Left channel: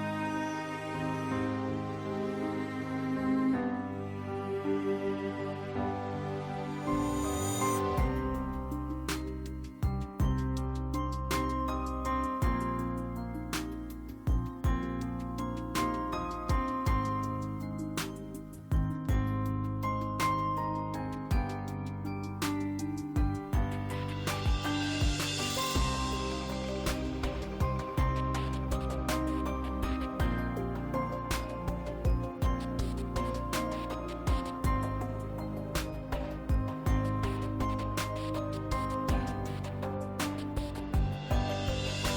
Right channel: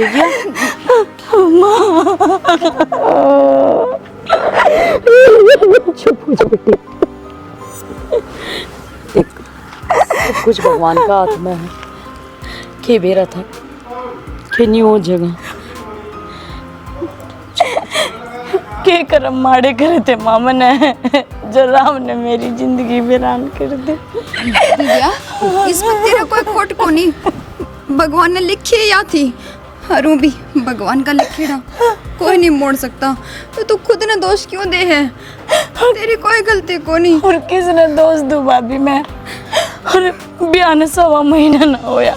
देगी। चुप हो जा बेटी, देख सब कुछ भगवान का हाथ में है। के बेरा था के नहीं हो जगह के कर्म माड़े करे थे मामा ने, जो राम ने मेरी जिंदगी वीरान कर दी। इसमें तेरा कोई खोट को नहीं, भगवान ने लिखी है या थी हरू भी भगवान का लिखेड़ा कोई नहीं मोड़ सकता। तो तू खुद ने दोष क्यों दे है, तेरी कोई गलती को नहीं। और किसने दोष दू भाभी मैं, और ब्याह ने 1.25 महीना ना होया,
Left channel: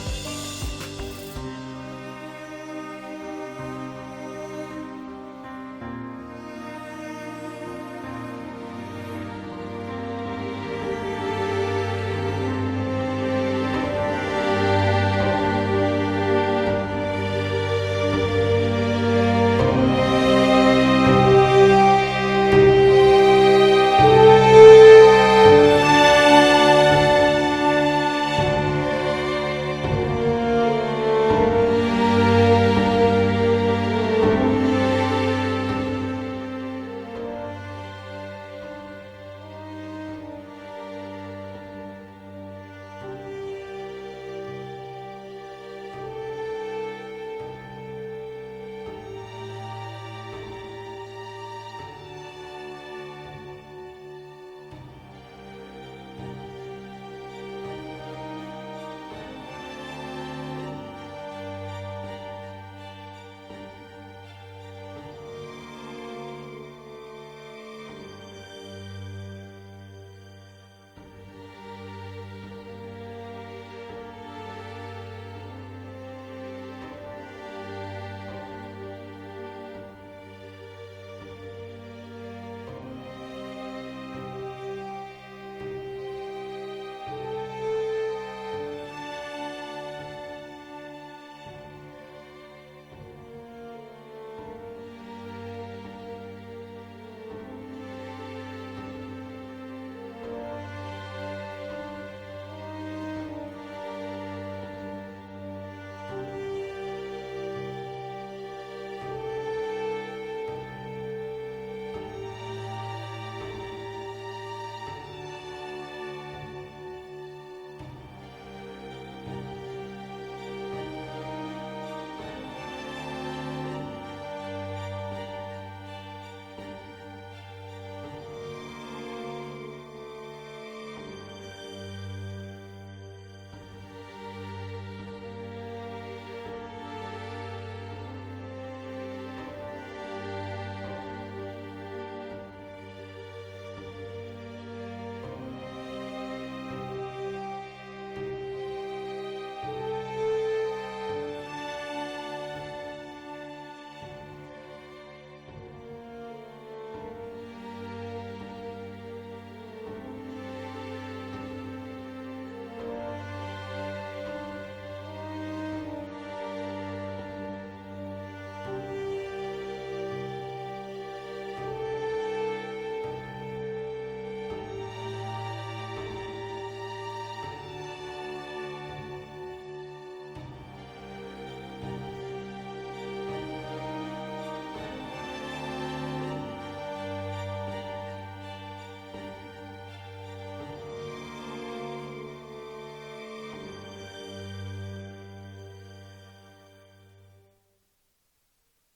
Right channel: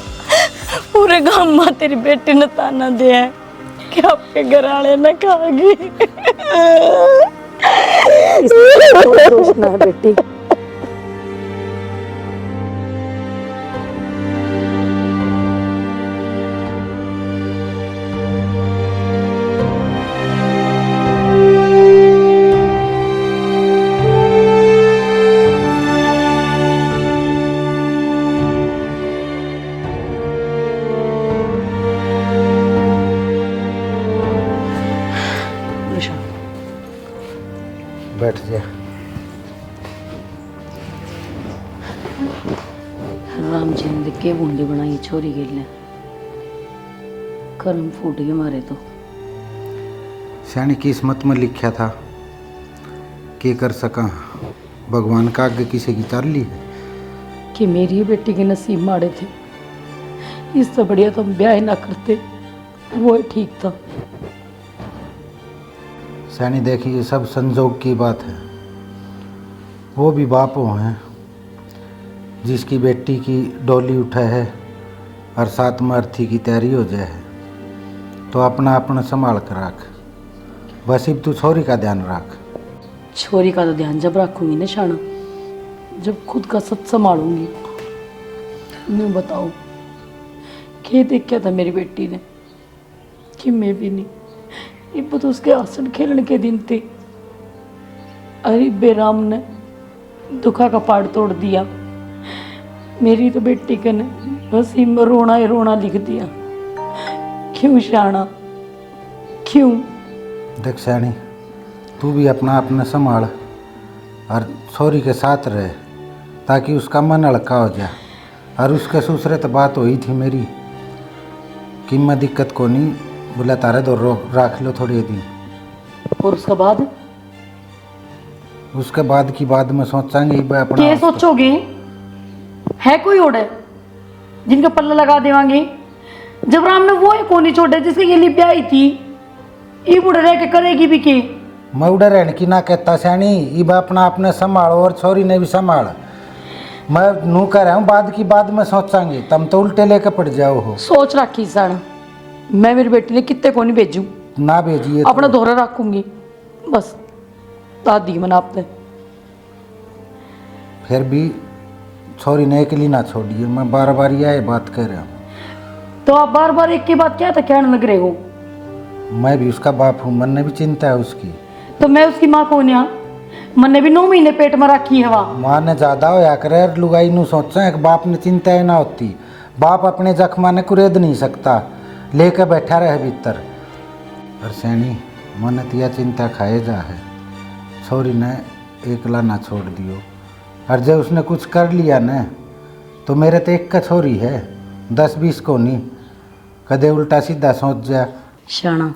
पूरे गांव में तेरी बेटी ने ताना दिया है कि आपके घर आने न खागी। दोष ना बेटी, बैठ जा। राम जी ने के बूंदी बनाई छोरी के लिए, कर्म फूट गए मारे तो। शानी किस्मत में लिखा था, के कर सका, भगवान का आगे किसी की चाल ली कि मेरी बेटी के नसीब माड़े थे, इससे बढ़िया तो हम ब्याह ना करते, वो ठीक था। सैनी देखिए सब संजोग की बात है। वो भी बाप वो हैं जिसकी बेटी की डोली उठा है और साथ में अर्थी की तैयारी हो जाए है, तो अपना अपना संभाल कर रख। बस अब तू छोरी का ध्यान रख। छोरी का तो ध्यान जब रखूंगी ना शाना, जब खुद का सब संभालूंगी। मैं बताओ क्या देख क्या था मेरी बेटी ने कि मैं भी नहीं, ये तो उसके आसन खेलने के दिन थे। अरे बेराम ने दुखा का पाड़ तोड़ दिया, मेरी तो बेटी के ने नसीब में रोना ही रोना लिख दिया। क्यों शाना क्यों? देख सैनी, तू भी अपना अपना संभाल और छोरी के साथ रहे ताकि उसका मन हल्का हो जाए। और उसके ससुरे तो बात हुई थी मेरी कि मैं दिक्कत को नहीं, बोला तारे दो रख लो थोड़ी दिन। और उसके बाद? उसके बाद की बात में सोचांगे अपना। क्या सोचोगे? है कोई और है जिनका पल्ला लगा देवांगे? जब राम ने वो है कोनी छोड़े जिसके ये लिए ब्याही थी, ये बुढ़े रह के करेगी भी के? मैं उड़े रहने की ना कहता सैनी, इब अपना अपने संभालो और छोरी ने भी संभाल। मैं नू कह रहा हूँ बाद की बात में सोचांगे, तुम तो उल्टे लेके पड़ जाओ हो। सोच रखी सन, मैं मेरी बेटी ने कितने को नहीं भेजू, ना भेजिए अपना दोहरा रखूंगी बस। दादी मना आपने फिर भी छोरी ने अकेली ना छोड़िए, मैं बार बार यह बात कह रहा हूँ। तो आप बार बार एक की बात क्या था कहने लग रहे हो? मैं भी उसका बाप हूँ, मन ने भी चिंता है उसकी। तो मैं उसकी माँ कौन है? मन ने भी 9 महीने पेट में रखी है वहाँ। माँ ने ज्यादा होया करे लुगाई नू सोचा एक बाप ने चिंता ही ना होती। बाप अपने जख्मा ने कुरेद नहीं सकता, लेकर बैठा रहे भीतर। और सैनी मन तिया चिंता खाए जा है, छोरी ने एकला ना छोड़ दियो। और जब उसने कुछ कर लिया न तो मेरे तो एक का छोरी है, 10-20 को नहीं। कदे उल्टा सीधा सोच जा। शाना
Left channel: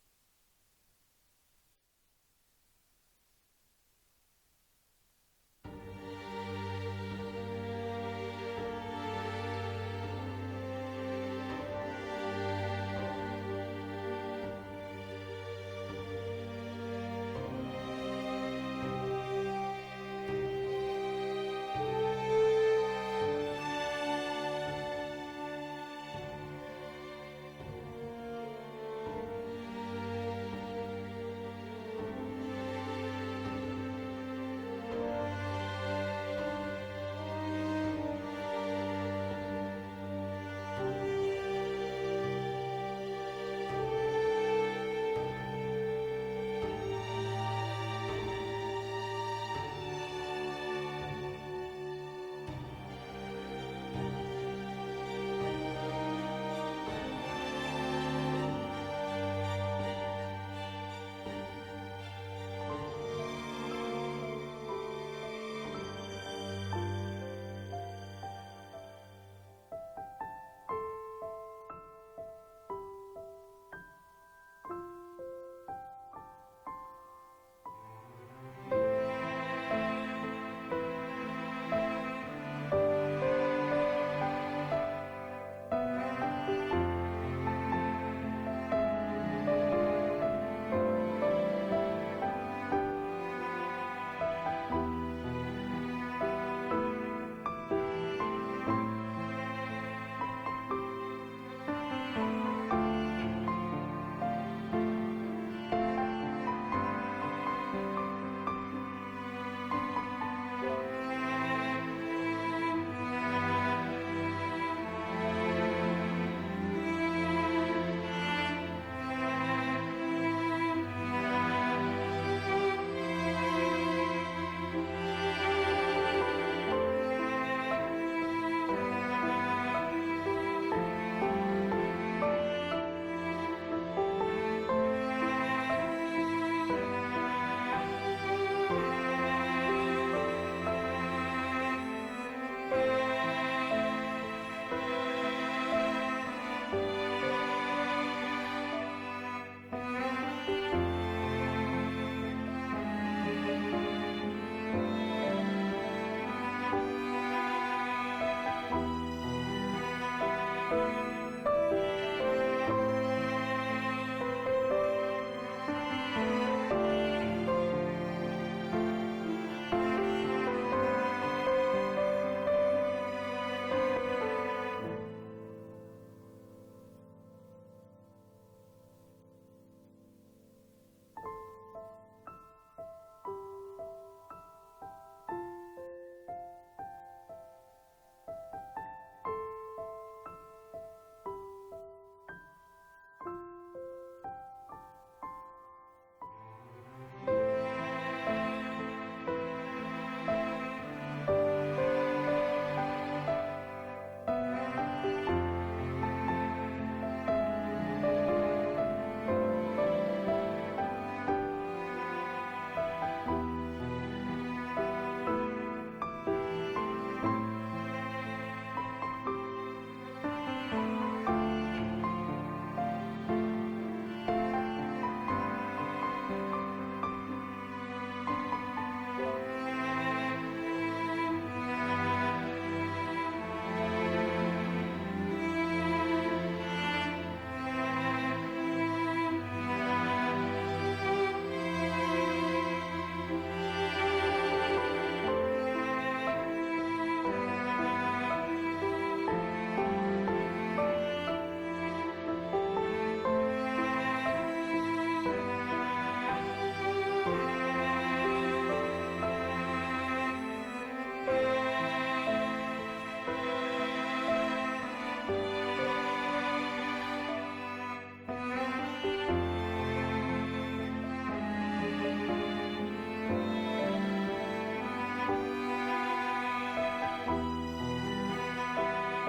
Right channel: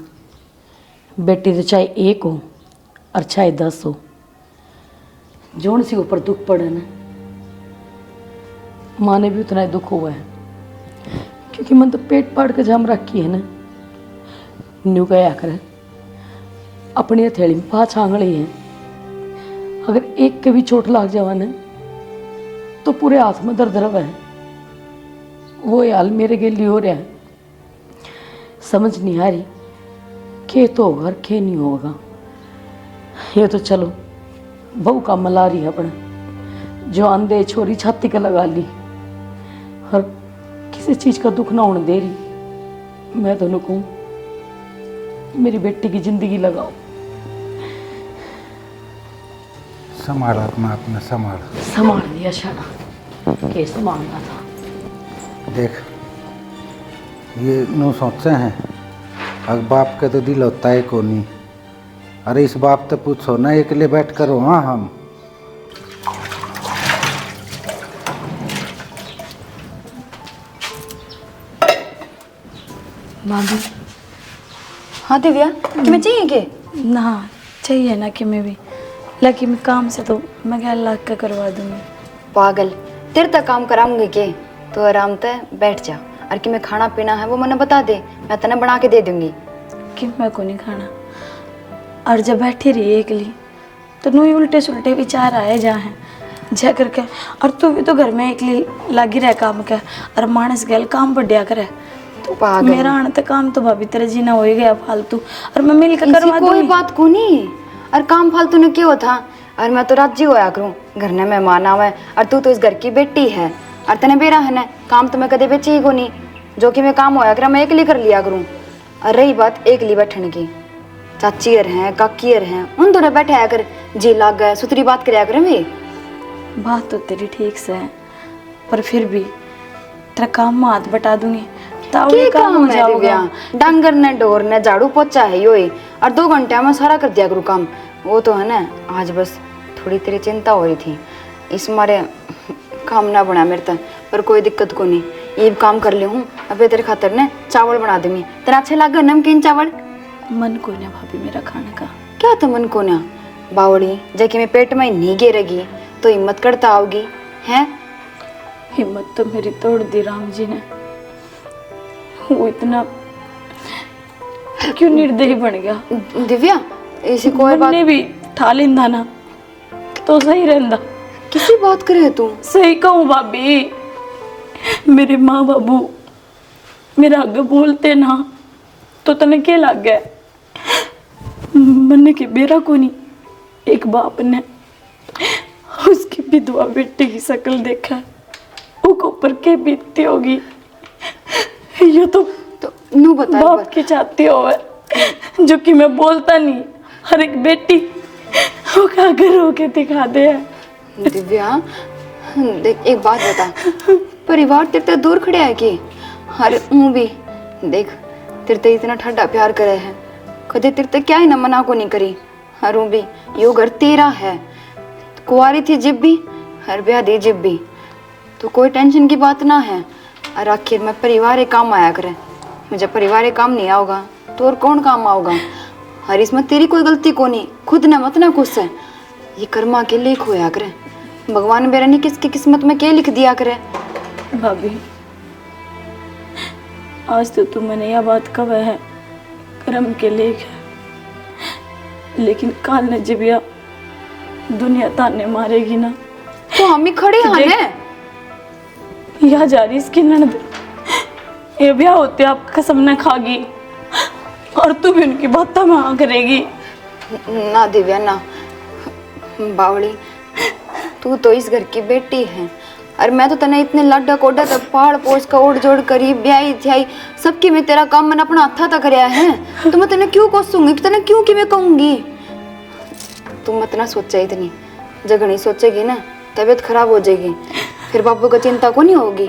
बेटी तो चाहे 1 हो और चाहे 10 हो, जोन सी ऊपर दुख पड़े ना, माँ ने भी उतना ही दुख हुआ है। क्योंकि मन तो पेट पाड़ के जम रखी है ना, न्यू गया कर अपनी हथेली में 5 आंगली है, अगर एक के भी चोट लग जावा ना तो पूरे हाथ में दर्द रहा है। वो हाल मेरे के लिए हो रहा है, समझ नहीं आ रही के तो होगा और के नहीं होगा। ये तो चलो बहू का मला रही है अपना, जो अंधे छोरी छाती का लगा ली और किसी चीज का दुख ना होने दे रही। मैं तो कहूँ मेरी बेटी की जिंदगी लगाओ। संभाल अपना अपना संभाल। संभाल लिया शाना, के संभालना था। देख ये नो सोचे हैं अब बाप के तो दिल होता है को नहीं। अरे इस बाप तो पूछो ना, एक लिए बैठ करो। हाँ हम भाभी हाँ दिव्या, तुम्हें चाहिए के? ना चाहिए ना कि मैं भी, लेकिन काम से तो मैं क्या लाख का करवा दूंगी। पागल, तेरे तक काम कराऊंगी के? तो आराम से बैठ जा, और कि मैं खाना पीना है वो मैंने बता दे, मैं तने बना के दे दूंगी। कि मैं को नहीं खाना, और जब बैठी रही अकेली तो नू उल्टे सुलटे विचार आए जा हैं जा करके। और तू भी तो घर में अकेली लगी रह काम के, और मानस गैल काम बढ़िया करे। तो पागल। मेरा आने तक काम तो भाभी तेरा जीना हो ही गया फालतू, और मैं मिल के करवा कोई दूंगी। बात को नहीं, और काम फालतू ने क्यों था? और मैं तो राजी होया करूं, घर ने मेहमान आवे, और तू तो इस घर की बेटी है, और तने बेरा है ना, काम तो मैं कदे बेची ही को नहीं। जो कि मैं काम होया करा मैं अकेली कर लिया करूं। और रही बात अकेली बैठने की, चाचीर हैं काकीर हैं, उन दोनों बैठे आया कर, जी लाग गए सुतरी बात कराया करें भी। बात तो तेरी ठीक से है, पर फिर भी तेरा काम में हाथ बटा दूंगी ताऊ की काम हो काम है जाओगा। दिव्या? डांगर ने डोर ने झाड़ू पोछा है यो ही, और 2 घंटे में सारा कर दिया करूँ काम। वो तो है ना, आज बस थोड़ी तेरी चिंता हो रही थी, इस मारे काम ना बना मेरे तक। पर कोई दिक्कत को नहीं, ये काम कर ले हूँ। अबे तेरे खातर ने चावल बना दूंगी, तेरा अच्छे लगे नमकीन चावल? मन को ना भाभी मेरा खाने का। क्या तो मन को ना बावड़ी, जबकि मैं पेट में नहीं गिरेगी तो हिम्मत करता आओगी हैं? हिम्मत तो मेरी तोड़ दी राम जी ने। वो इतना क्यों निर्दयी बन गया? दिव्या ऐसी कोई बात ने भी ठा लेंदा ना तो सही रहंदा। किसी बात करे तू? सही कहूँ भाभी, मेरे माँ बाबू मेरा आगे बोलते ना तो तने के लग गए मन के बेरा को नहीं। एक बाप ने उसकी विधवा बेटी की शक्ल देखा, वो ऊपर के बीतती होगी। ये तो नू बता बाप की चाहती हो, जो कि मैं बोलता नहीं। हर एक बेटी वो कागर होके दिखा दे। दिव्या देख, एक बात बता, परिवार तेरे से दूर खड़े है कि? अरे ऊं भी देख, तेरे से इतना ठंडा प्यार करे है, कदे तेरे से क्या ही न मना को नहीं करी। हर भी यो घर तेरा है, कुंवारी थी जिब भी, हर ब्याह दी जिब भी, तो कोई टेंशन की बात ना है। और आखिर में परिवार एक काम आया करे, मुझे परिवार एक काम नहीं आओगा तो और कौन काम आओगा? हर इसमें तेरी कोई गलती को नहीं, खुद न मत ना खुश है, ये कर्मा के लेख होया करे। भगवान मेरा नहीं किसकी किस्मत में क्या लिख दिया करे। भाभी आज तो तुम मैंने यह बात कहा है, कर्म के लेख है, लेकिन काल ने जिबिया दुनिया ताने मारेगी ना। तो हम ही खड़े हैं। यह जा रही इसकी ननद, ये ब्याह होते आप कसम न खागी, और तू भी उनकी बातों में हाँ करेगी। ना दिव्या ना, बावड़ी तू तो इस घर की बेटी है, और मैं तो तने इतने लाडा कोडा तक पहाड़ पोस का ओढ़ जोड़ करी ब्याई थी सबकी मैं तेरा काम मैंने अपना हाथा तक कराया है, तो मैं तने क्यों कोसूंगी, तने क्यों कि मैं कहूंगी? तुम मत ना सोचा इतनी, जब नहीं सोचेगी ना तबीयत खराब हो जाएगी, फिर बापू को चिंता को नहीं होगी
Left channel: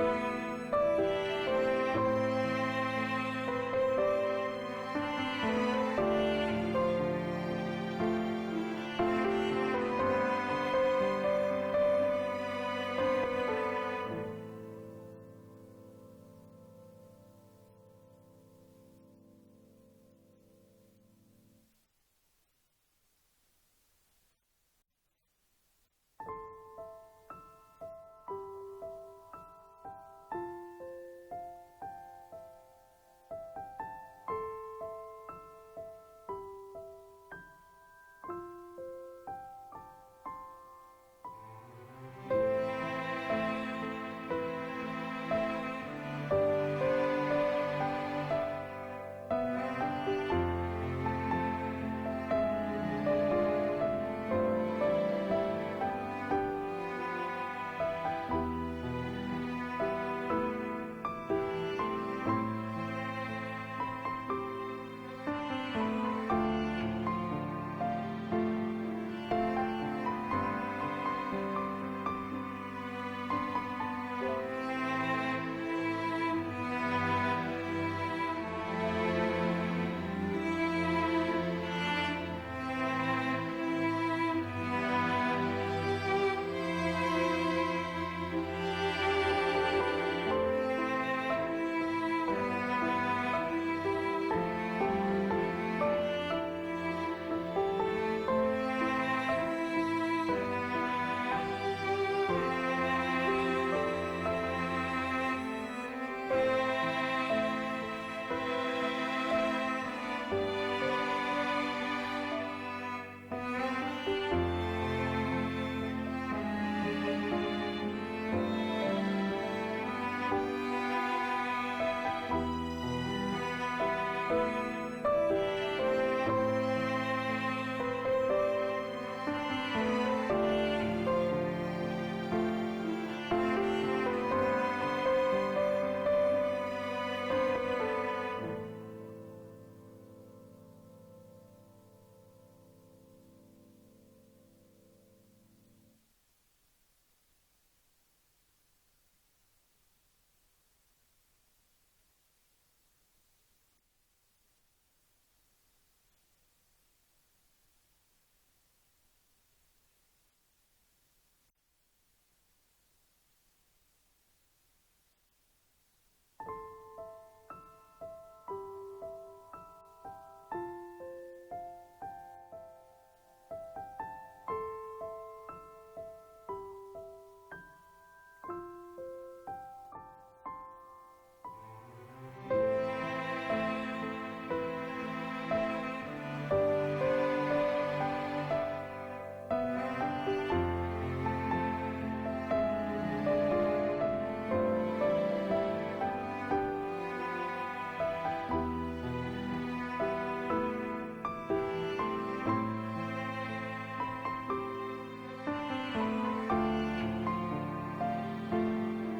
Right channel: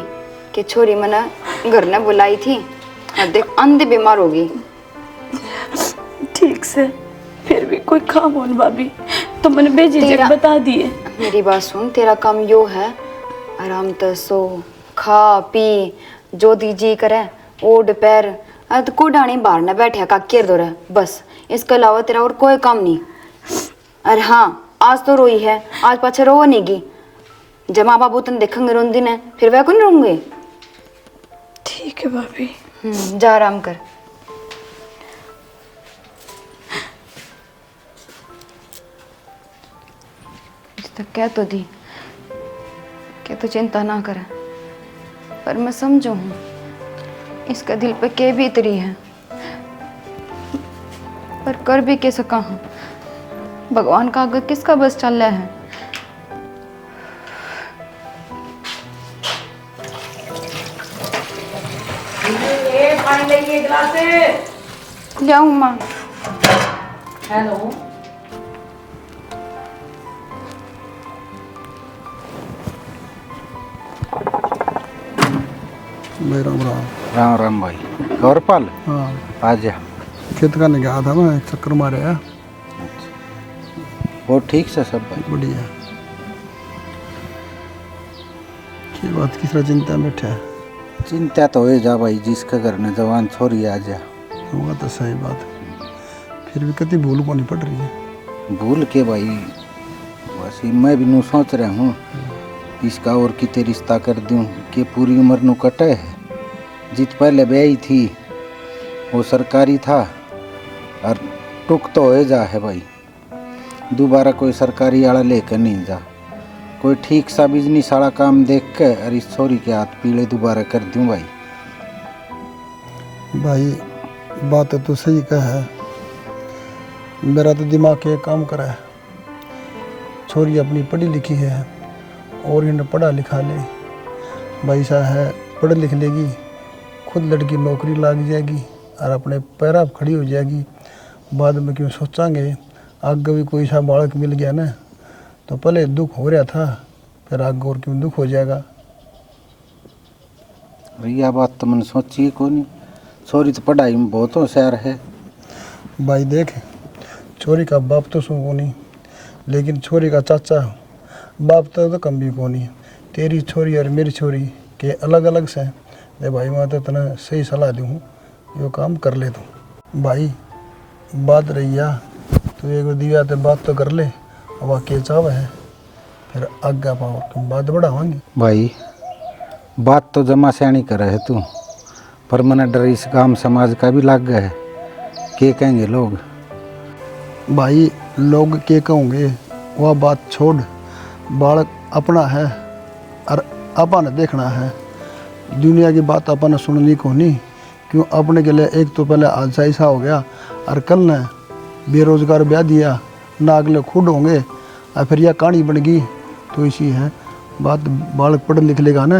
कि छोरी मैंने घर ने बुलाई थी और देख अंधे बीमार होगी। ठीक से फिर भी कोई काम हो भाभी तो मैंने बेझिझक बता दिए। मेरी बात सुन, तेरा काम यो है, आराम से सो खा पी जो दीजी करे, ओढ़ पैर तो को डाणी बाहर न बैठे का केर दो रहा बस, इसके अलावा तेरा और कोई काम नहीं। अरे हाँ आज तो रोई है, आज पाछे रो नहीं गी, जब माँ बाबू तुम देखेंगे रोंदी ने फिर वह को नहीं रोंगे। ठीक है भाभी। जा आराम कर। कह तो दी क्या तो चिंता ना करे, पर मैं समझू हूँ इसका दिल पे के भी इतरी है, पर कर भी के सका हूँ। भगवान का आगे किसका बस चल रहा है। ले आऊँ माँ? हेलो भाई राम राम। राम राम भाई। गौरपाल हाँ आ जा। खेत का गया था मैं, एक चक्कर मारे है। वो ठीक से सब भाई? बढ़िया। की बात किस तरह चिंता में बैठा है? चिंता तो हो जा भाई, जिसके घर में जवान छोरी आ जा। होगा तो सही बात, फिर भी कति भूल को नहीं पड़ रही है। भूल के भाई, बस मैं भी नू सोच रहा हूँ इसका और कितने रिश्ता कर दूँ कि पूरी उम्र नू कटे है। जित पहले ब्याही थी वो सरकारी था और टुक तो हो जा है भाई, दोबारा कोई सरकारी वाला लेकर नहीं जा। कोई ठीक सा बिजनेस वाला काम देख के और इस छोरी के हाथ पीले दोबारा कर दूँ भाई। भाई बात तो सही कह है, मेरा तो दिमाग एक काम करा है। छोरी अपनी पढ़ी लिखी है और इन्हें पढ़ा लिखा ले, भाई साहब है पढ़ लिख लेगी, खुद लड़की नौकरी लग जाएगी और अपने पैर पर खड़ी हो जाएगी। बाद में क्यों सोचांगे, आगे भी कोई सा बालक मिल गया ना तो पहले दुख हो रहा था, फिर आगे और क्यों दुख हो जाएगा। यह बात तो मैंने सोची को नहीं, छोरी तो पढ़ाई में बहुत होशियार है। भाई देख, छोरी का बाप तो सू को नहीं, लेकिन छोरी का चाचा बाप तो कम भी को नहीं। तेरी छोरी और मेरी छोरी के अलग अलग से दे भाई, मैं तो तना सही सलाह दूँ, यो काम कर ले तू। भाई बात रही है तो एक दिव्या तो बात तो कर ले, अब के चाव है फिर आगे पाओ तुम बात बढ़ावांगी। भाई बात तो जमा सियाणी कर है तू, पर मैंने डर इस गांव समाज का भी लग गया है, क्या कहेंगे लोग। भाई लोग के कहोगे वह बात छोड़, बालक अपना है और अपन देखना है। दुनिया की बात अपन सुननी को नहीं, क्यों अपने के लिए एक तो पहले हादसा ऐसा हो गया और कल ने बेरोजगार ब्याह दिया ना, अगले खुद होंगे और फिर यह कहानी बन गई। तो इसी है बात, बालक पढ़ लिख लेगा ना,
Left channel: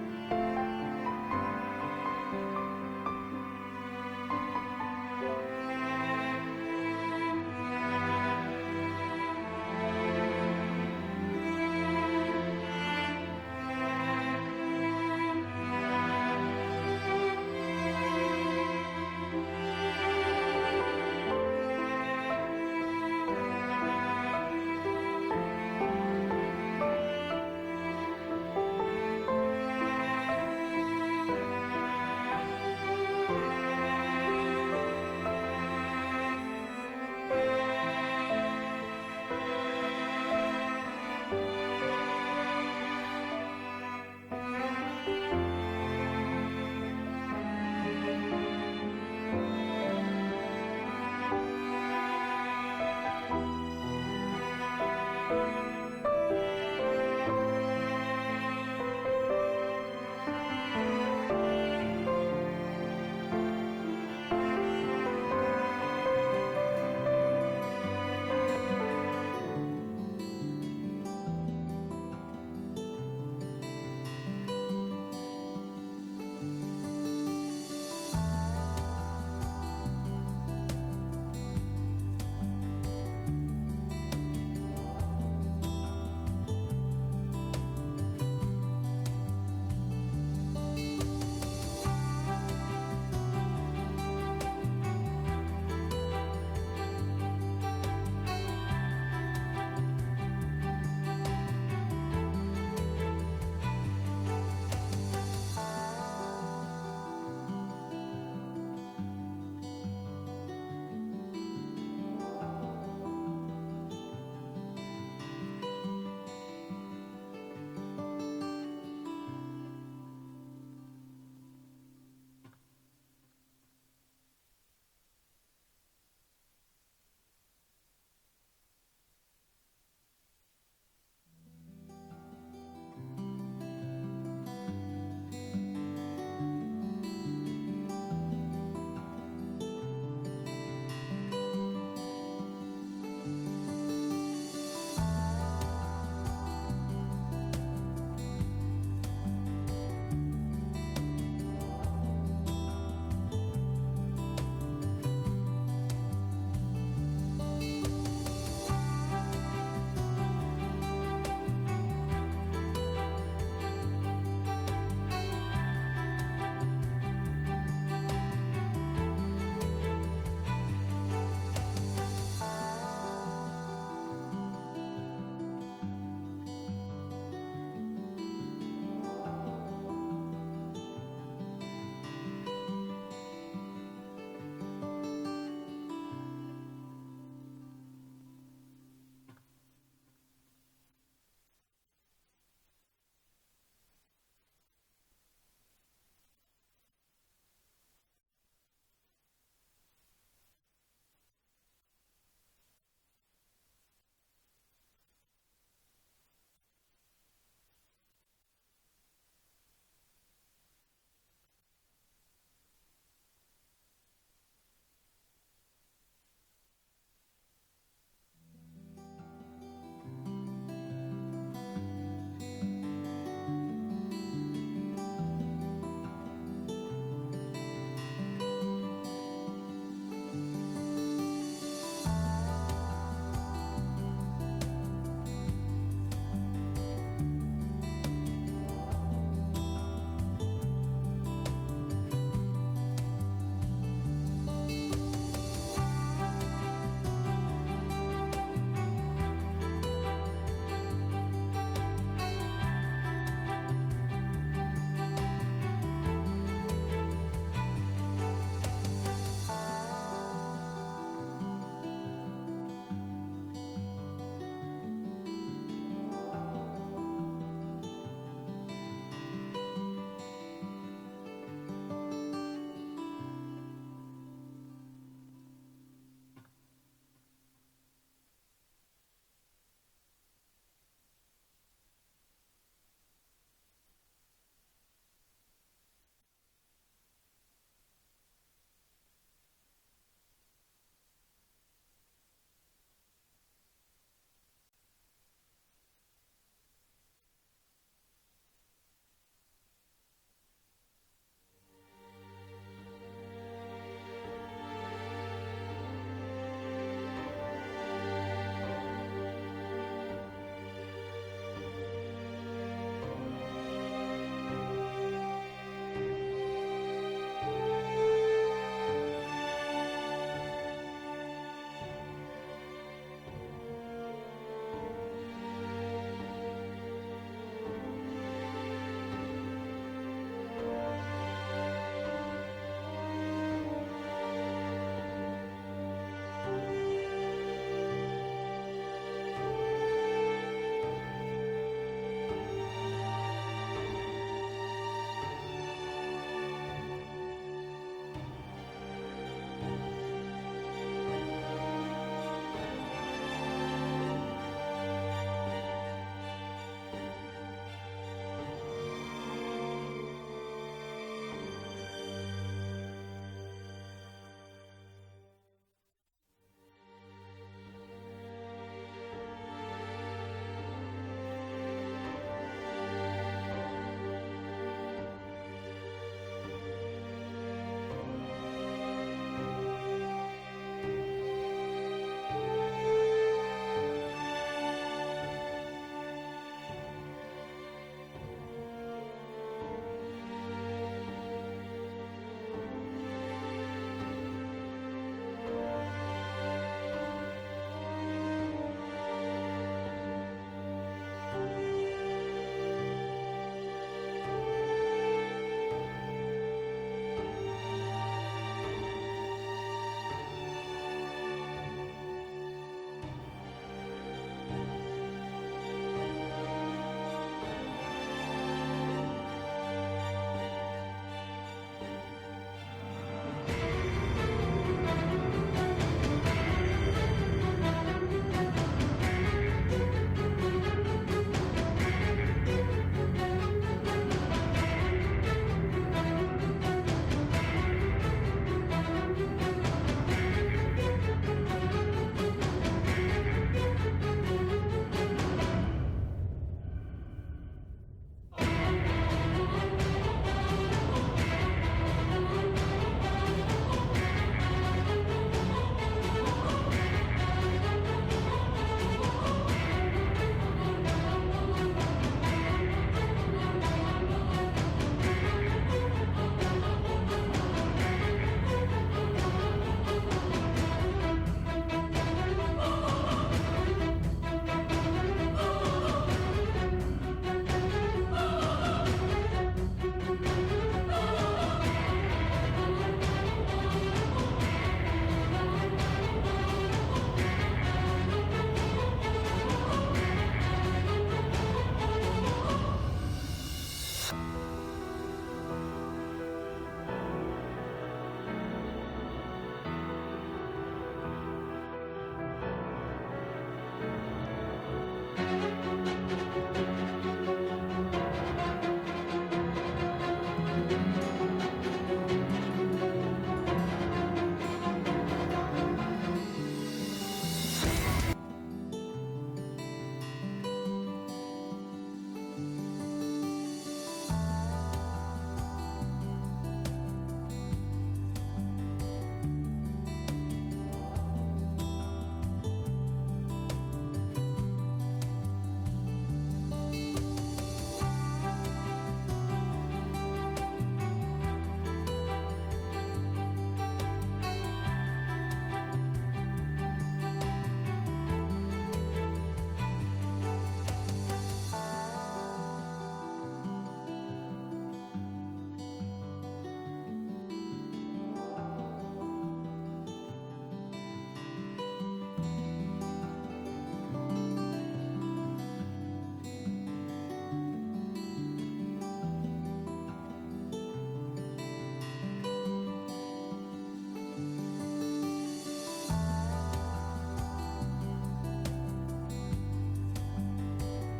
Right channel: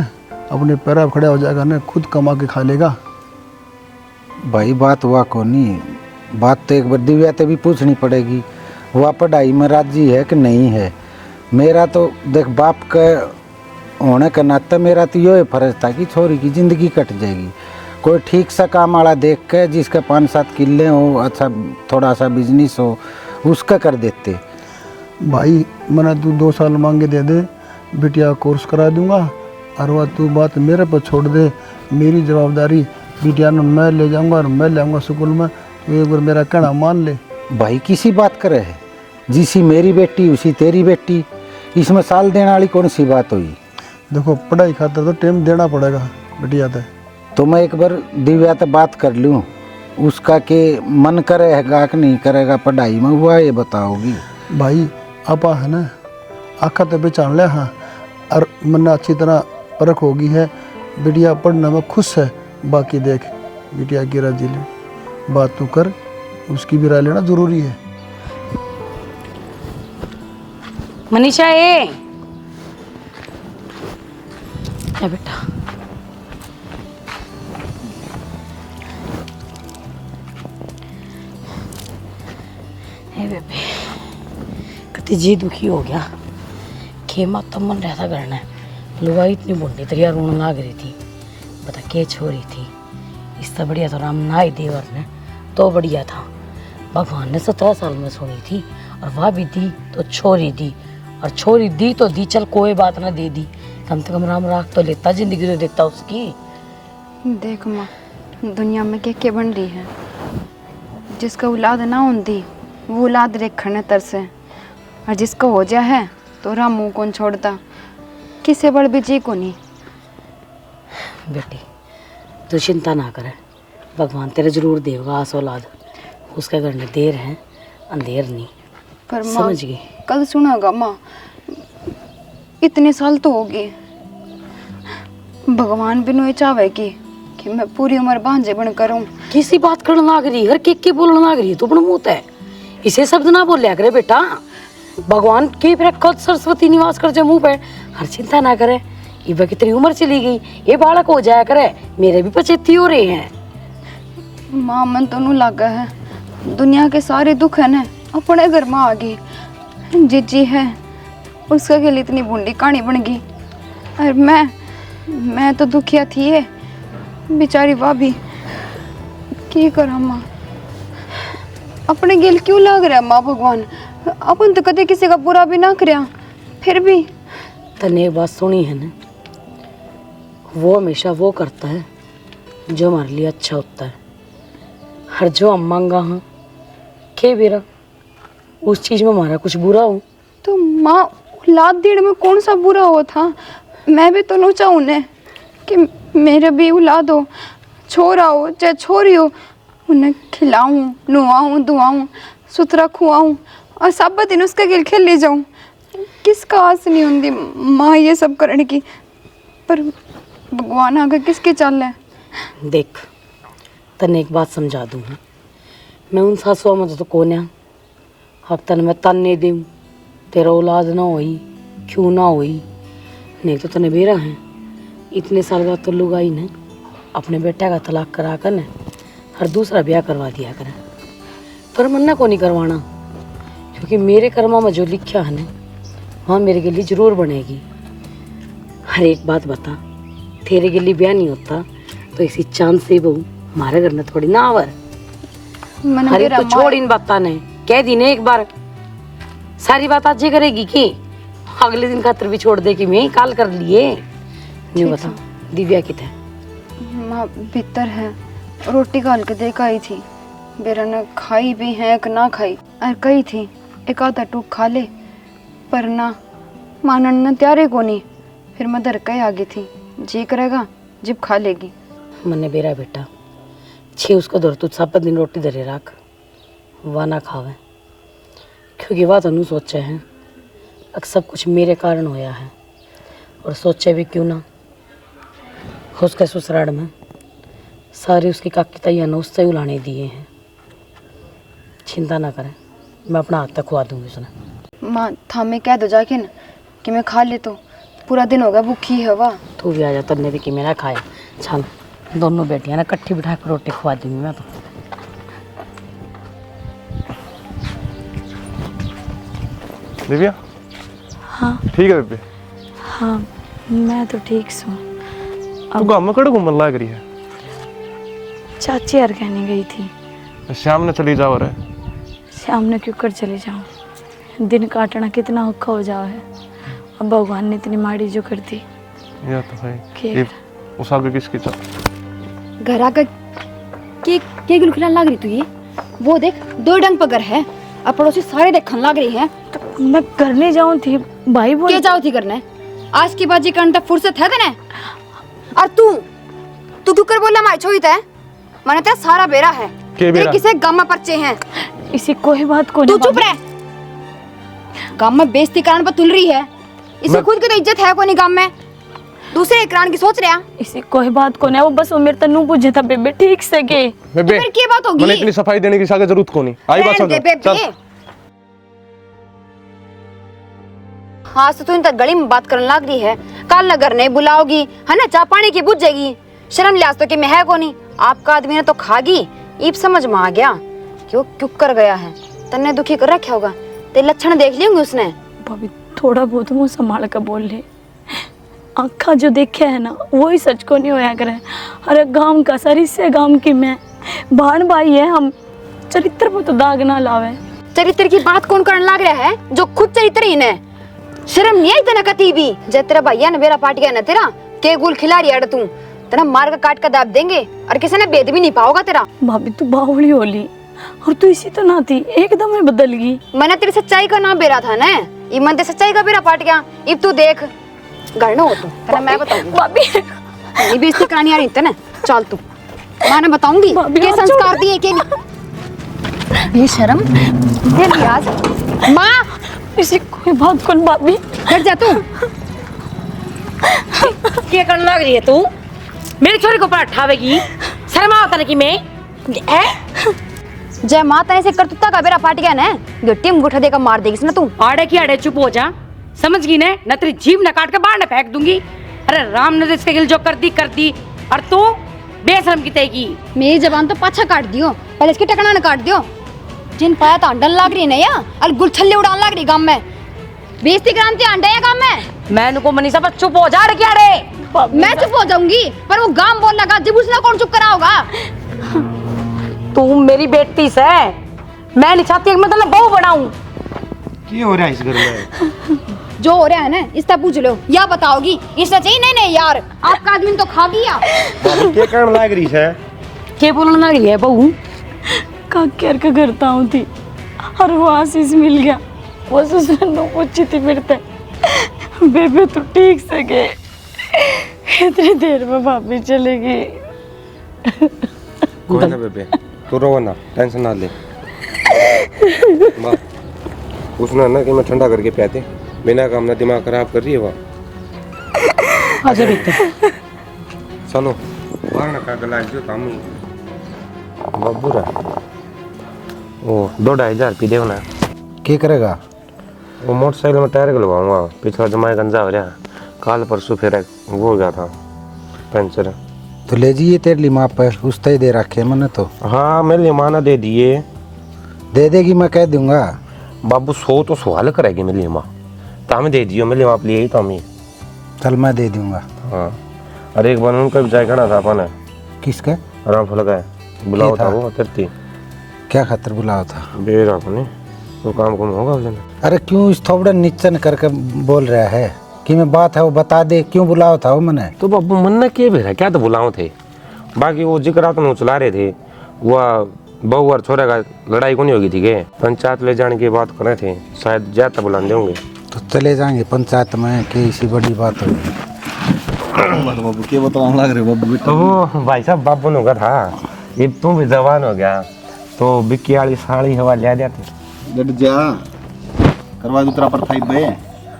अपने पैर पर खड़ा हो जाएगा ना, खुद कमा के खा लेगा। भाई बात हुआ को नहीं, बात तो एक बार दिव्या ते भी पूछनी पड़ेगी, वह पढ़ाई में राजी है कि नहीं है। मेरा तो देख बाप के होने के नाते मेरा तो ये फर्ज था कि छोरी की ज़िंदगी कट जाएगी। कोई ठीक सा काम वाला देख के जिसके 5-7 किले हो, अच्छा थोड़ा सा बिजनेस हो, उसका कर देते। भाई मैंने तू 2 साल मांगे दे दे, बिटिया कोर्स करा दूंगा और वह तू बात मेरे पर छोड़ दे, मेरी जवाबदारी बिटिया ने मैं ले जाऊंगा और मैं ले आऊँगा स्कूल में, तो एक बार मेरा कहना मान ले। भाई किसी बात करे है, जिसी मेरी बेटी उसी तेरी बेटी, इसमें साल देने वाली कौन सी बात हुई। देखो पढ़ाई खातर तो टाइम देना पड़ेगा बिटिया ते। तो मैं एक बार दिव्या से बात कर लूँ, उसका के मन करेगा कि नहीं करेगा पढ़ाई में, हुआ ये बताओगी। भाई आपा है ना आखा तो पहचान लिया हाँ, और मन अच्छी तरह परख होगी है, बिटिया पढ़ने में खुश है। बाकी देख बिटिया की राजी ले, बात तो कर, उसकी भी राय लेना जरूरी है। मनीषा ए बेटा, बेबे कति जी दुखी हो गया, खेमा तो मन रहता करना, लुगाई इतनी बुढ़ी तरिया रोने लग रही थी, पता क्या छोरी थी। इससे बढ़िया तो राम ना ही देवर ने तो बढ़िया था। भगवान ने 17 साल में सुनी थी और वह भी दी तो छोरी दी, और छोरी दी तो दी, चल कोई बात ना दे दी, कम से कम राम राख तो लेता, जिंदगी तो देता उसकी। देख माँ, दुनिया में क्या बन रही है, जिसका औलाद ना होती वो औलाद रेखने तरसे, और जिसका हो जा है तो राम मुँह कौन छोड़ता, किसे बड़ भी जी को नहीं। बेटी तू चिंता ना करे, भगवान तेरे जरूर देगा आस औलाद, उसके घर में देर है अंधेर नहीं। पर माँ समझ गई, कल सुनागा माँ, इतने साल तो हो गए, भगवान भी नहीं चाहे कि मैं पूरी उम्र भांजे बन करूँ। किसी बात करने लग रही हर के बोलने लग रही है, तू अपना मुंह है इसे शब्द ना बोलिया करे बेटा। भगवान की फिर खुद सरस्वती निवास कर जाए मुंह पे, हर चिंता ना करे, ये कितनी उम्र चली गई, ये बालक हो जाया करे, मेरे भी 75 हो रहे हैं। माँ मन तो नहीं लगा है, दुनिया के सारे दुख है ना अपने घर में आ गए, जीजी है उसका के लिए इतनी बूंदी कहानी बन गई, और मैं तो दुखिया थी है बेचारी भाभी, की करा माँ। अपने गिल क्यों लाग रहा माँ भगवान? अपन तो कदे किसी का बुरा भी ना करया, फिर भी तने एक बात सुनी है ना, वो हमेशा वो करता है जो हमारे लिए अच्छा होता है। हर जो हम मांगा हाँ के बेरा उस चीज में हमारा कुछ बुरा हो। तो माँ औलाद देने में कौन सा बुरा हुआ था? मैं भी तो नहीं चाहूँ ने कि मेरे भी औलाद हो, छोरा हो चाहे छोरी हो, उन्हें खिलाऊं, नुआऊं, दुआऊं, सुथरा खुआऊं और सब दिन उसका खेल खेल ले जाऊं। किसका आस नहीं होती माँ ये सब करने की, पर भगवान आगे किसके चल है? देख तने एक बात समझा दूँ, मैं उन सासुआ में तो कौन है, अब तन मैं तन नहीं दूँ तेरा औलाद ना होई क्यों ना होई, नहीं तो तने बेरा है इतने साल बाद तो लुगाई ने अपने बेटे का तलाक करा कर ने हर दूसरा ब्याह करवा दिया करे, पर मन्ना को नहीं करवाना, क्योंकि मेरे कर्मा में जो लिखा है ना वहाँ मेरे के लिए जरूर बनेगी। हर एक बात बता, तेरे के लिए ब्याह नहीं होता तो इसी चांद से बहू हमारे घर में थोड़ी ना आवर। मैंने अरे मेरा तो छोड़ इन बाता ने, कह दी ने एक बार, सारी बात आज ही करेगी कि अगले दिन खातर भी छोड़ दे कि मैं ही काल कर लिए। नहीं बता दिव्या कितना माँ भीतर है, रोटी काल के देखा ही थी, बेरा ने खाई भी है कि ना खाई, और कही थी एक आधा टूक खा ले, पर ना मानन ने त्यारे को नहीं, फिर मैं डर के आ गई थी, जी करेगा जिब खा लेगी। मन्ने बेरा बेटा छे उसको दर तू सब दिन रोटी धरे रख, वह ना खावे, क्योंकि वह तो सोचे हैं अब सब कुछ मेरे कारण होया है, और सोचे भी क्यों ना उसके ससुराल में सारी उसकी काकी तैया ने उससे उलाने दिए हैं। चिंता ना करें, मैं अपना हाथ तक खुआ दूंगी उसने। माँ थामे कह दो जाके न कि मैं खा ले, तो पूरा दिन होगा भूखी है वह। तू भी आ जा, तन्ने भी कि मेरा खाया। चल दोनों बेटियां ना इकट्ठी बिठा कर रोटी खुआ दूंगी मैं तो। दिव्या हाँ ठीक है बेबे, हाँ मैं तो ठीक सू। तू गाँव में कड़े घूमन लाग रही है? चाची यार कहने गई थी शाम ने चली जाओ रे। शाम ने क्यों कर चले जाऊँ, दिन काटना कितना औखा हो जाओ है, अब भगवान ने इतनी माड़ी जो कर दी। या तो है के- ये उस आगे किसकी चल घर आकर के गुलखिला लाग रही तू ये, वो देख दो डंग पगर है, अब पड़ोसी सारे देखने लाग रही है। तो मैं करने जाऊँ थी, भाई बोल क्या जाओ थी करने, आज की बाजी करने तक फुर्सत है तने? और तू क्यों कर बोला माई छोई तै? मैंने तेरा सारा बेरा है, के बेरा? किसे गांव में पर्चे हैं, इसी कोई बात को तू नहीं चुप रह। गांव में बेइज्जती कारण पर तुल रही है, इसे मैं- खुद की तो इज्जत है को नहीं गांव में, दूसरे एकरान की सोच रहा। इसी कोई बात को नहीं, वो बस वो मेरे तन्नू पूछे था बेबे ठीक से के। बेबे फिर क्या बात होगी? मैंने इतनी सफाई देने की सागे जरूरत को नहीं आई बात रहने दे समझ चल। बेबे। हाँ तो तू इन तक गली में बात करने लग रही है, काल नगर नहीं बुलाओगी है ना, चाय पानी की बुझ जाएगी, शर्म लिहाज तो कि मैं है को नहीं, आपका आदमी ने तो खागी, ईब समझ में आ गया क्यों क्यों कर गया है, तन्ने दुखी कर रखा होगा, तेरे लक्षण देख लेंगे उसने। भाभी थोड़ा बहुत मुँह संभाल कर बोल ले, आँखा जो देखे है ना वही सच को नहीं होया करे। अरे गांव का सर इससे गांव की मैं भान भाई है हम, चरित्र पर तो दाग ना लावे। चरित्र की बात कौन करने लग रहा है जो खुद चरित्रहीन है? शर्म नहीं आई तना कती भी? जब तेरा भैया ने मेरा पाट गया ना तेरा के गुल खिला रही है तू, तेरा मार का काट का दाब देंगे और किसी ने भेद भी नहीं पाओगा तेरा। भाभी तू बावली होली और तू इसी तो ना थी, एकदम ही बदल गई। मैंने तेरी सच्चाई का नाम बेरा था ना, ये मन ते सच्चाई का बेरा पाट गया, अब तू देख घर न हो तू, तेरा मैं बताऊंगी। भाभी नहीं बेइज्जती करानी आ रही तना, चल तू मैं बताऊंगी भाभी, के आप संस्कार दिए के नहीं। ये शर्म ये लिहाज माँ, इसी कोई बात कौन भाभी। घर जा तू। क्या करने लग रही है तू? मेरी छोरी को ऊपर उठावेगी, शर्म आता नहीं कि मैं है? जय माता ने से करतुत्ता का बेरा पाट गया ना, गट्टी में गुठा देकर मार देगी ना तू। आड़े की आड़े चुप हो जा, समझ गई ने, न तेरी जीभ न काट के बाहर न फेंक दूंगी। अरे राम ने इसके गिल जो कर दी, और तू बेशरम की तेगी। मेरी जबान तो पाछा काट दियो, पहले इसकी टकना न काट दियो। जिन पाया तो अंडन लाग रही है या और गुलछल्ले उड़ान लाग रही गांव में, बेइज्जती करांती अंडे या गांव में। मैं नुको मनीषा पर चुप हो जा रे क्या रे? मैं चुप हो जाऊंगी, पर वो गांव बोल लगा जब उसने कौन चुप करा होगा? तू मेरी बेटी से, मैं नहीं चाहती कि मैं तुम्हें बहू बनाऊं। क्या हो रहा है इस घर में? जो हो रहा है ना इससे पूछ लो, या बताओगी इससे चाहिए। नहीं नहीं यार, आपका आदमी तो खा गया। बाबू क्या कारण लाग रही है? के बोलने लगी है बहू? का कर के करता हूँ थी और वो आशीष मिल गया। वो ससुर नो पूछी थी मेरे से, बेबे तू ठीक से गए? इतनी देर में भाभी चलेगी। कोई ना बेबे, तू रो ना, टेंशन ना ले। पूछना ना कि मैं ठंडा करके पियाते, बिना काम ना दिमाग खराब कर रही है वहाँ। आजा बेटा। चलो बाहर ना का लाज जो काम ही बाबू रहा। वो 2-2.5 पी देव ना। क्या करेगा? वो मोटरसाइकिल में टायर गलवाऊंगा, पिछला जमाए गंजा हो रहा। काल परसों फिर वो हो गया था पंचर। तो ले जाइए तेरे लिए माँ पे, उस तय दे रखे मैंने तो। हाँ मेरे लिए माना दे दिए। दे देगी, मैं कह दूंगा। बाबू 100 तो सवाल करेगी मेरे लिए माँ, तो हमें दे दियो मेरे लिए आप लिए ही तो हमें। चल मैं दे दूंगा। हाँ अरे एक बार उनका भी जायका ना था अपन। किसका? आराम फल गए बुलाओ था वो तिरती। क्या खातर बुलाओ था? बेर अपने तो काम कम होगा उसने। अरे क्यों इस थोड़ा नीचन करके बोल रहा है कि मैं बात है वो बता दे, क्यों बुलाओ था वो मैंने? तो बाबू मन ना क्या बेरा क्या तो बुलाओ थे। बाकी वो जिक्र तो चला रहे थे, वह बहू और छोरे का लड़ाई को नहीं होगी थी के पंचायत ले जाने की बात कर रहे थे, शायद ज्यादा बुला देंगे। तो चले जाएंगे पंचायत में, कि इसी बड़ी बात होगी। बाबू क्या बताऊं लग रहे बाबू। तो वो भाई साहब बाबू ने कहा था ये तू भी जवान हो गया तो बिक्की वाली साड़ी हवा ले जाती। डट जा करवा दो तेरा पर फाइव बे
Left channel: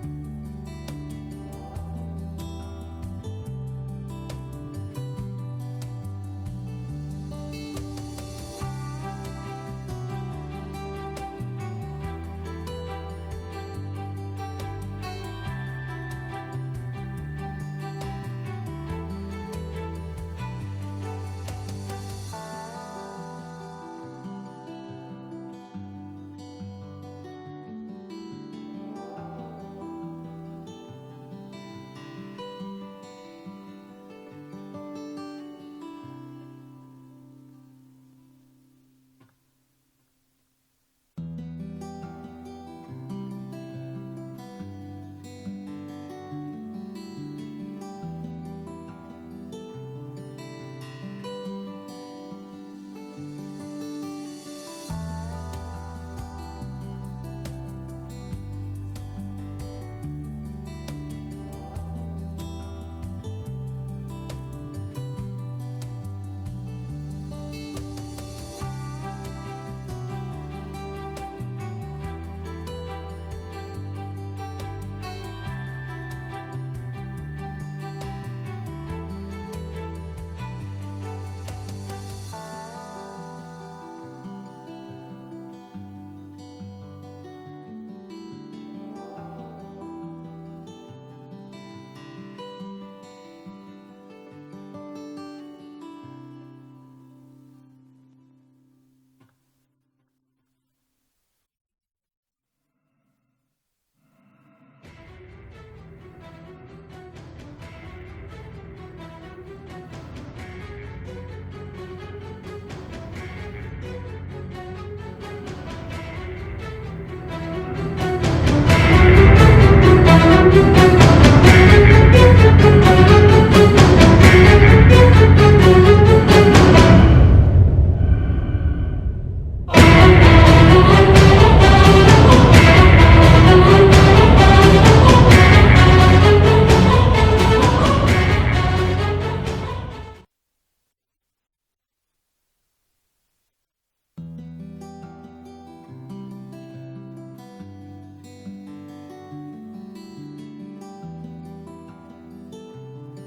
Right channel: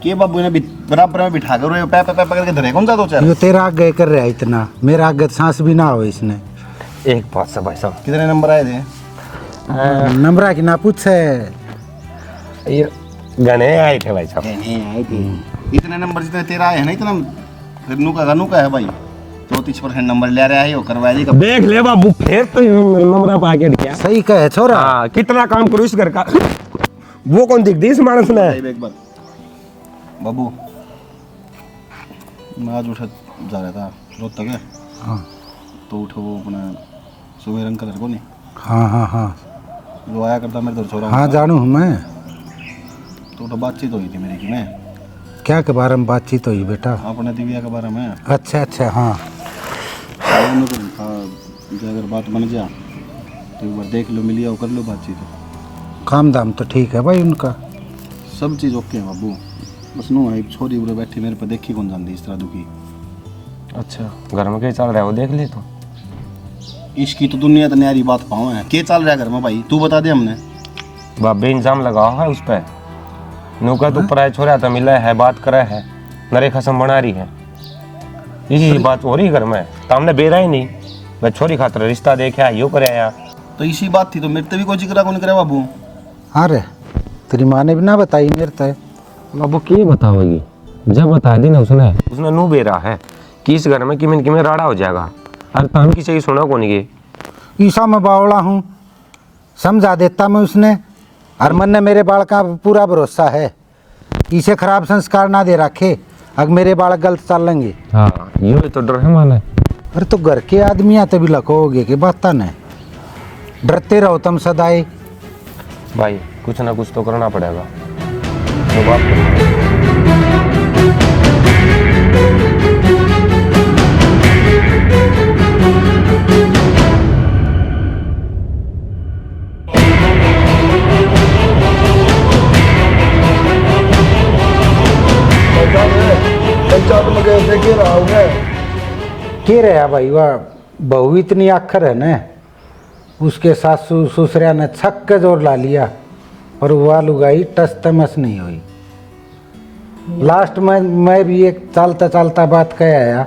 के बाबू ने बराबर में बिठा कर पैर पैर पकड़ के धरे कौन सा दो चार। यो तेरा आगे कर रहा है इतना, मेरा आगे सांस भी ना हो इसने। एक बात से भाई साहब, कितने नंबर आए थे? नंबरा की ना पूछ है। ये गने आए थे भाई साहब। आए थे इतने नंबर जितने तेरा आए है ना इतना, फिर नु का है भाई 34% नंबर ले रहा है वो करवा देगा। देख ले बाबू फिर तो नंबरा पा के दिया। सही कहे छोरा। हाँ कितना काम करो इस घर का, वो कौन दिख दी इस मानस ने। एक बार बाबू मैं आज उठा जा रहा था रोज तक है। हाँ तो उठो वो अपना सुबह रंग कलर को नहीं हाँ हाँ हाँ जो आया करता मेरे तो छोरा। हाँ जानू हूँ मैं। तो बातचीत हुई थी मेरी की मैं क्या के बारे में बातचीत हुई बेटा? अपने दिव्या के बारे में। अच्छा अच्छा हाँ। जो अगर बात बन जा तो एक बार देख लो, मिलिए और कर लो बातचीत। काम दाम तो ठीक है भाई उनका, सब चीज़ ओके है बाबू। बस नो है छोरी उरे बैठी मेरे पे देखी कौन जानती इस तरह दुखी। अच्छा घर में क्या चल रहा है वो देख ले तो। इसकी तो दुनिया तो न्यारी बात पाओ है, क्या चल रहा है घर में भाई तू बता दे हमने। बाबे इंजाम लगाओ है उस पर। नौका तो ऊपर छोरा तो मिला है बात करे है, नरे खसम बना रही है, इसी बात हो रही घर में। तो हमने बेरा ही नहीं, मैं छोरी खातर रिश्ता देखा यो करे आया। तो इसी बात थी तो मेरे तो भी कोई जिक्र कौन करे बाबू। अरे तेरी माँ ने भी ना बताई मेरे तय। बाबू की बताओगी, जब बता दी ना उसने नू बेरा है कि इस घर में किमें राड़ा हो जाएगा। अरे तो हम किसी की सुना कौन ये। ईसा मैं बावड़ा हूँ, समझा देता मैं उसने। और मन ने मेरे बाल का पूरा भरोसा है, इसे खराब संस्कार ना दे रखे, अगर मेरे बाल गलत चलेंगे। हाँ ये तो डर है माना। अरे तो घर के आदमी आते भी लखोगे कि बात न डरते रहो तुम सदाई। भाई कुछ ना कुछ तो करना पड़ेगा। के रहा भाई वह बहू इतनी आखर है न, उसके सासू ससुरिया ने छक के जोर ला लिया और वह लुगाई टस तमस नहीं हुई। लास्ट में मैं भी एक चलता चलता बात कह आया,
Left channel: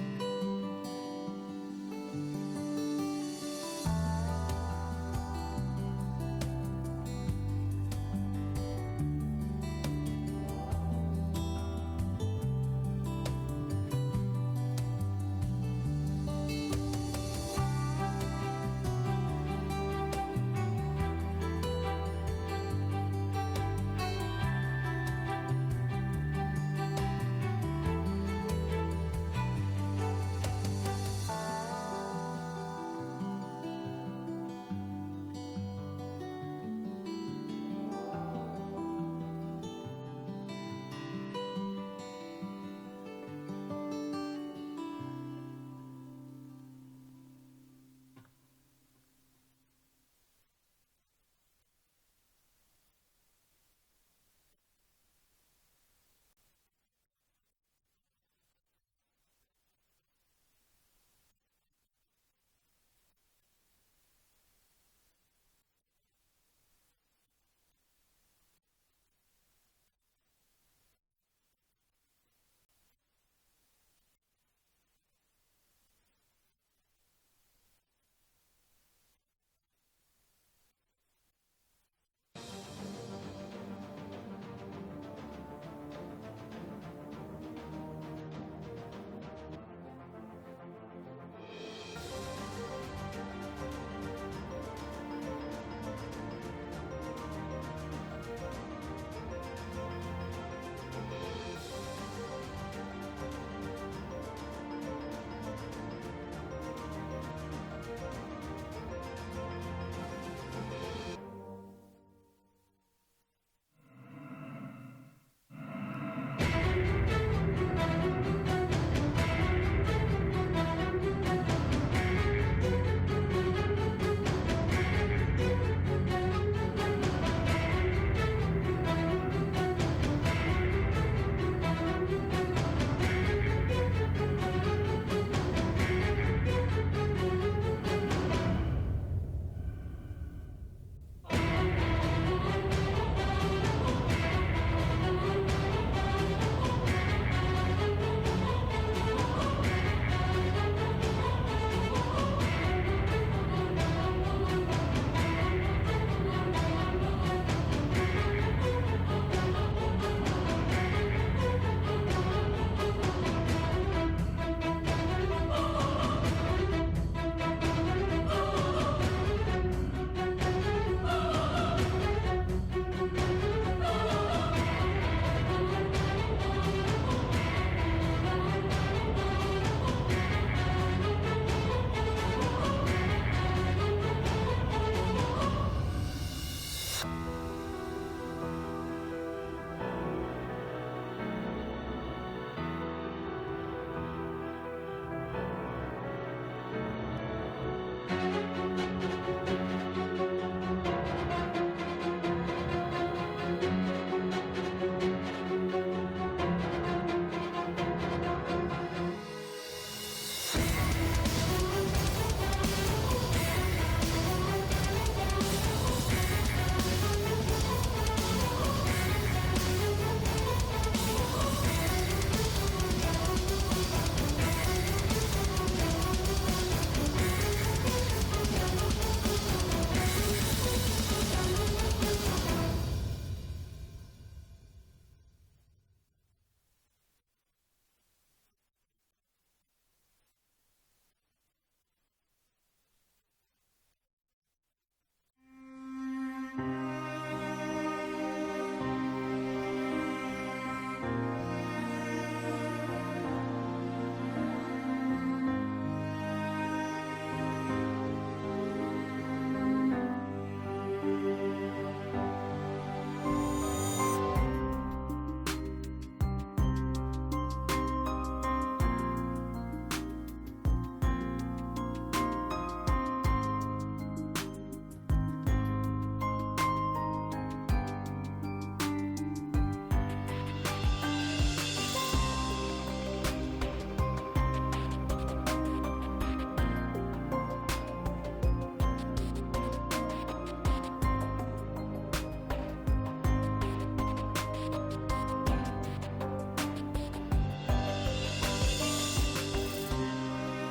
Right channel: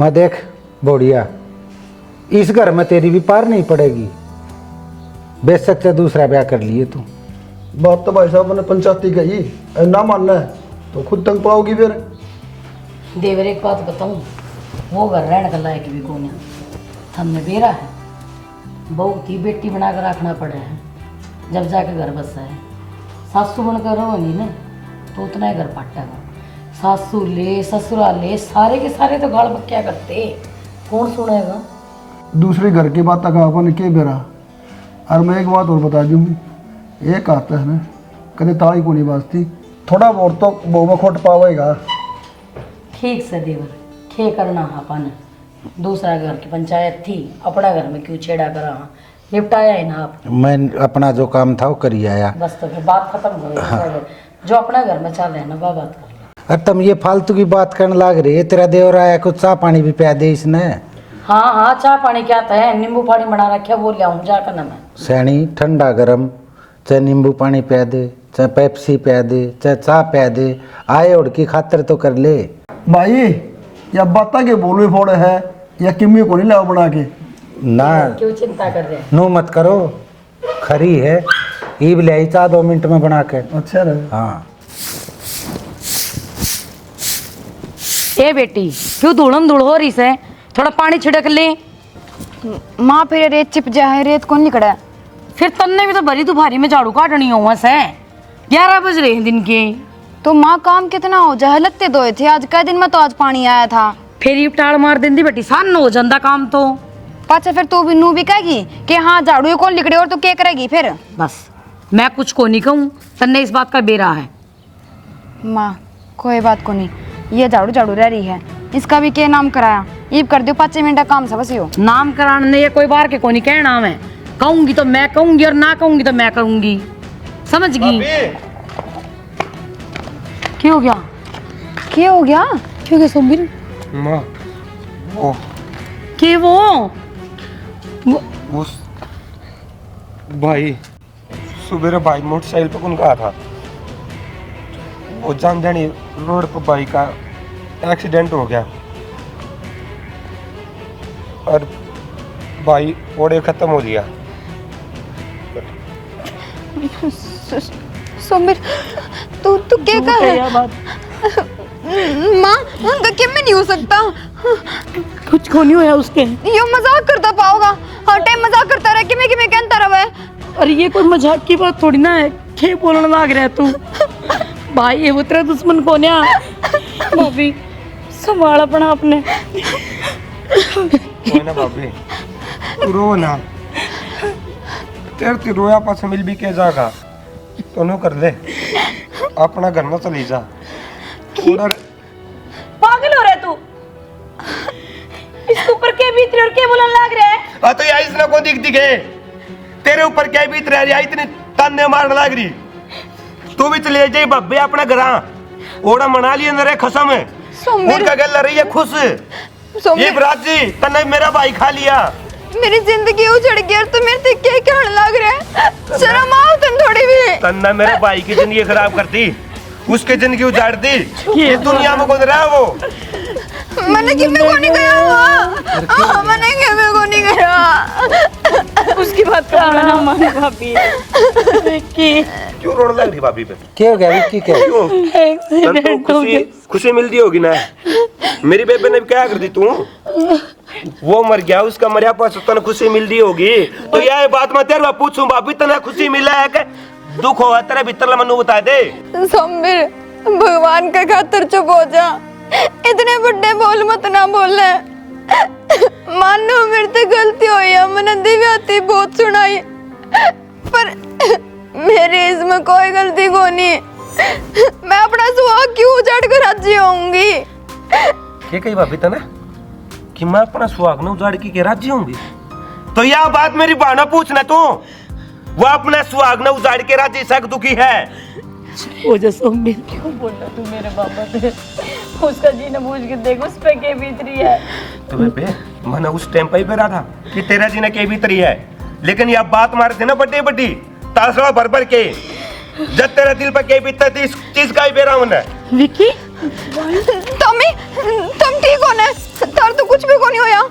मैं देख बोढ़िया इस घर में तेरी भी पार नहीं पड़ेगी, बेशक से दूसरा ब्याह कर लिए तू। बात तो भाई साहब ने पंचायती कही, ना मानना है तो खुद तंग पाओगी फिर। देवर एक बात बताऊं, वो घर रहने का लायक भी कौन है। हमने बेरा है, बहू की बेटी बना कर रखना पड़े हैं, जब जाके घर बसा है। सासू बनकर रहो नहीं ना तो उतना ही घर पट्टेगा। सासू ले ससुरा ले सारे के सारे तो गाल बक्या करते, कौन सुनेगा। दूसरे घर की बात तक अपन के बेरा। और मैं एक बात और बता दूँ, ये कहता है ना कभी ताई को नहीं बाजती, थोड़ा बहुत तो बहु में खोट पावेगा। ठीक से देवर, खे करना अपन, दूसरा घर की पंचायत थी, अपना घर में क्यों छेड़ा करा, निपटाया ही ना आप। मैं अपना जो काम था वो करी आया। बस तो फिर बात खत्म हो गई। जो अपना घर में चल रहा है ना वो बात कर ले। अरे तुम ये फालतू की बात करने लग रही है, तेरा देवर आया, कुछ चाह पानी भी पिया दे इसने। हाँ हाँ, चाय पानी क्या था, नींबू पानी बना रखा, वो ले आऊँ जाकर ना मैं। सैनी ठंडा गरम, चाहे नींबू पानी पिया दे, चाहे पेप्सी पिया दे, चाहे चाह पिया दे, आए उड़ की खातिर तो कर ले। भाई या बाता के बोलवे फोड़े है या किम्मी को नहीं लाओ बना के ना क्यों चिंता कर रहे हैं? नो मत करो, खरी है, ईब ले आई चाह 2 मिनट में बना के। अच्छा रहे। हाँ ए बेटी, क्यों धूड़म धूड़ हो रही से, थोड़ा पानी छिड़क ले। माँ फिर रेत चिप जाए, रेत कौन निकड़ा है? फिर तन्ने भी तो भरी दोपहरी में झाड़ू काटनी हो से, 11 बज रहे हैं दिन के। तो माँ काम कितना हो जाए, लगते धोए थे आज कई दिन में, तो आज पानी आया था। फिर ये टाड़ मार देंदी बेटी, सान हो जाता काम तो। पाचा फिर तू भी नू भी कहेगी कि हाँ झाड़ू ये कौन लिकड़े, और तो क्या करेगी फिर? बस मैं कुछ को नहीं कहूँ, तन्ने इस बात का बेरा है। माँ कोई बात को नहीं, ये झाड़ू झाड़ू रह रही है, इसका भी क्या नाम कराया, ईब कर दो 5 मिनट का काम सब हो। नाम कराने ये कोई बार के को नहीं कहना, मैं कहूंगी तो मैं कहूंगी और ना कहूंगी तो मैं कहूंगी, समझ गई? क्या हो गया? क्या हो गया? क्यों गया सोमबीर? माँ वो के वो भाई सुबह भाई मोटरसाइकिल पे कौन गया था, वो जान जानी रोड पर भाई का एक्सीडेंट हो गया और भाई ओड़े खत्म हो लिया। सोमबीर तू तू क्या कर रहा है? माँ उनका क्या में नहीं हो सकता, कुछ को नहीं होया उसके। ये मजाक करता पाओगा, हर टाइम मजाक करता रहा, कि मैं कहता रहा है। अरे ये कोई मजाक की बात थोड़ी ना है, क्या बोलने लग रहा है तू? भाई ये वो तेरा दुश्मन कौन है? भाभी संभाल अपना अपने। कोई ना भाभी रो ना, तेरे ते रोया पास मिल भी के जाएगा तो नो कर ले, अपना घर में चली जा। थोड़ा पागल हो रहा है तू? इसके ऊपर क्या बीत रही और क्या बोलने लग रहा है? तो यार इसने को दिख दिखे तेरे ऊपर क्या बीत रहा है, इतने ताने मारने लग रही। तू भी चले जाए बब्बे अपना घर, ओड़ा मना लिए नरे खसम है, उनका गल रही है खुश। ये बराजी तन्ने मेरा भाई खा लिया, मेरी जिंदगी उजड़ गई और तू मेरे से क्या कहने लग रहा है? शर्म आओ तुम थोड़ी भी। तन्ना मेरे भाई की जिंदगी खराब कर दी, उसकी जिंदगी उजाड़ दी। ये दुनिया में कौन रहा वो? मैंने कि मैं को नहीं गया हुआ, मैंने कि मैं को नहीं गया। उसकी बात का ना माने भाभी। विक्की क्यों रोने लग रही भाभी पे? क्या हो गया विक्की? क्या क्यों? एक्सीडेंट हो गया। खुशी मिलती होगी ना, मेरी बेबे ने क्या कर दी तू? वो मर गया, उसका मरिया पास तने खुशी मिलती होगी, तो यह बात मैं तेरे पूछूं भाभी तने खुशी मिला है कि दुख हुआ तेरे भीतर? मनु बता दे। सोमबीर भगवान का खातर चुप हो जा, इतने बड़े बोल मत ना बोले। मानो मेरे से गलती हुई है, मैंने दिव्याती बहुत सुनाई, पर मेरी इसमें कोई गलती को नहीं। मैं अपना सुहाग क्यों उजाड़ कर राजी होंगी? क्या कही भाभी तने कि मैं अपना सुहाग न उजाड़ के राजी होंगी? तो यह बात मेरी बहना पूछना तू, वो अपना सुहाग न उजाड़ के राजी सक दुखी है। वो जो सोमबीर क्यों बोल रहा तू मेरे पापा से? उसका जीना बूझ के देख, उस पे क्या बीत रही है। तो बेबे मैंने उस टाइम पे ही कहा था कि तेरा जीना क्या बीत रही है, लेकिन यह बात मारे थे ना बड्डी बड्डी तासड़ा भर भर के, जब तेरा दिल पर क्या बीतता थी इस चीज का ही बेरा होना। विक्की तुम ठीक हो ना? तार तो कुछ भी को नहीं होया।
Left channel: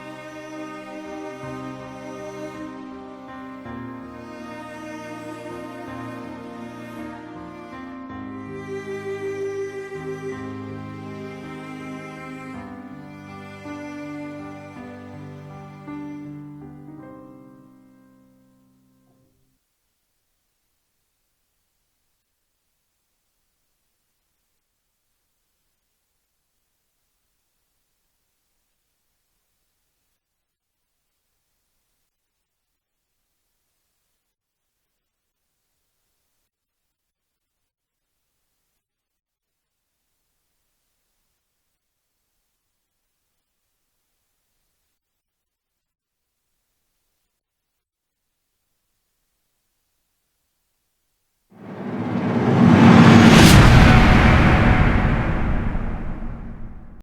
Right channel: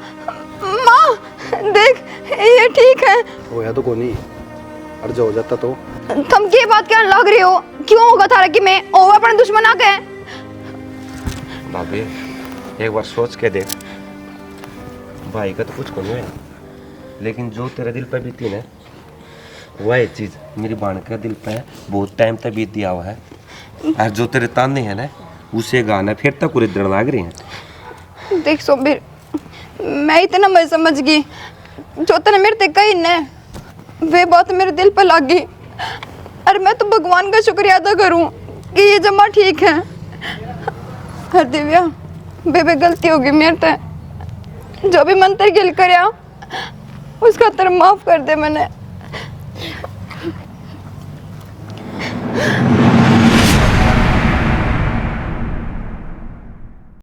माँ देख ये ठीक है। होया तो को नहीं, और जो हो जाता तो तुम क्या बात कहने लग रही हो? क्यों होगा थारा कि मैं ओ अपने दुश्मन आ गए? भाभी एक बार सोच के देख, भाई का तो कुछ नहीं है, लेकिन जो तेरे दिल पे बीती ना वह चीज मेरी बहन के दिल पे बहुत टाइम तक बीत दिया हुआ है, और जो तेरे ताने हैं ना उसे गाना फिर तक पूरे दर्द लाग रहे हैं। देख सोमबीर, मैं इतना मैं समझ गई, जो तने मेरे ते कही ने वे बात मेरे दिल पे लग गई, और मैं तो भगवान का शुक्रिया अदा करूं कि ये जमा ठीक है। हर दिव्या बेबे गलती होगी मेरे ते, जो भी मंत्र गिल करया उसका तर माफ कर दे मैंने।